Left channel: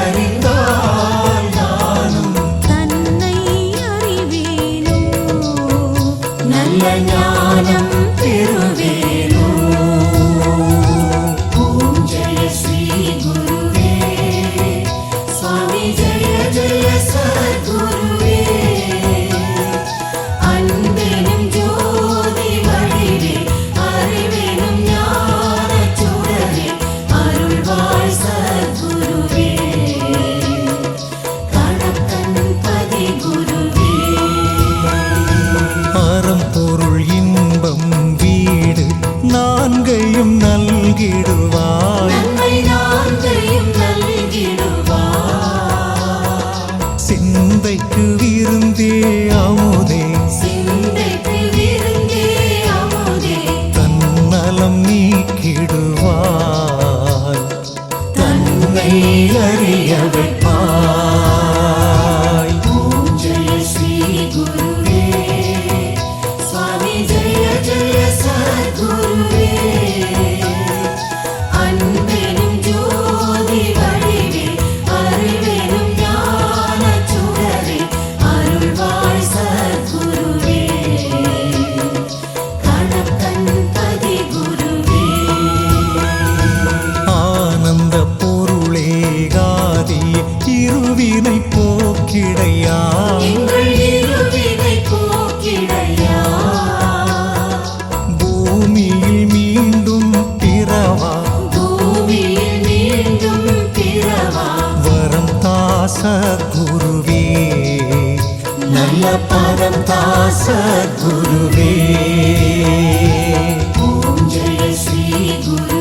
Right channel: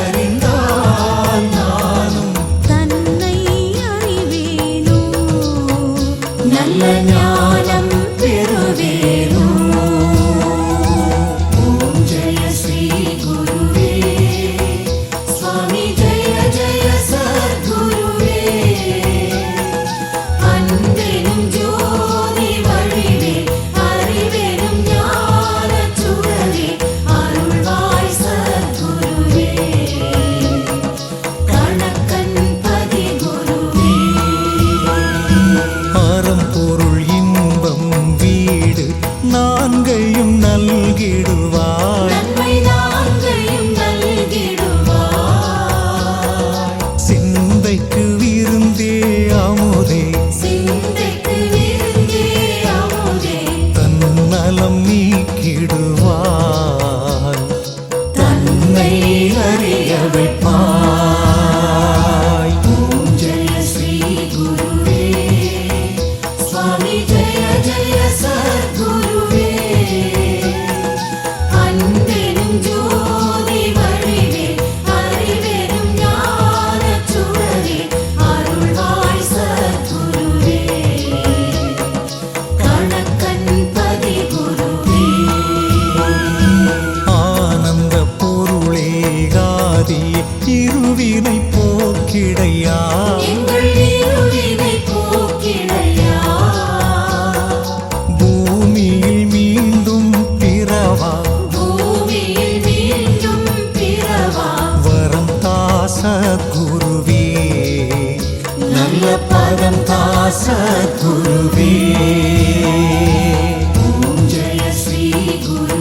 அறிந்தால் நானும் தன்னை அறிவேனோ நல்ல ஞானம் பெறுவேனோ. ஓம் ஜெய ஸ்ரீ குருவே சுவாமி ஜெய ஜெய சத்குருவே. அன்பெனும் ஜோதி வடிவே அறிவெனும் ஞானச் சுடரே அருள்வாய் சத்குருவே. கணக்கன் பதி குருவே. அறம் பொருள் இன்பம் வீடு நான்கையும் நல்கிடுவாய். நன்மை நான்கையும் நல்கிடுவாய். சிந்தைக்கு விருந்தே அமுதே சிந்தைக்கு விருந்தே அமுதே தன்னலம் நீக்கிடுவாய். தன்னை அறிய வைப்பாய். ஓம் ஜெய ஸ்ரீ குருவே சுவாமி ஜெய ஜெய சத்குருவே. அன்பெனும் ஜோதி வடிவே அறிவெனும் ஞானச் சுடரே அருள்வாய் சத்குருவே. கணக்கன் பதி குருவே. ஆனந்த பொருளே காதி இருவினை போக்கிடையா. எங்கள் இருவினை போக்கிடையா. பூமியில் மீண்டும் பிறவா பூமியில் மீண்டும் பிறவா. வரம் தாச குருவே நல்ல பதம் தாச குருவே. ஓம் ஜெய ஸ்ரீ குரு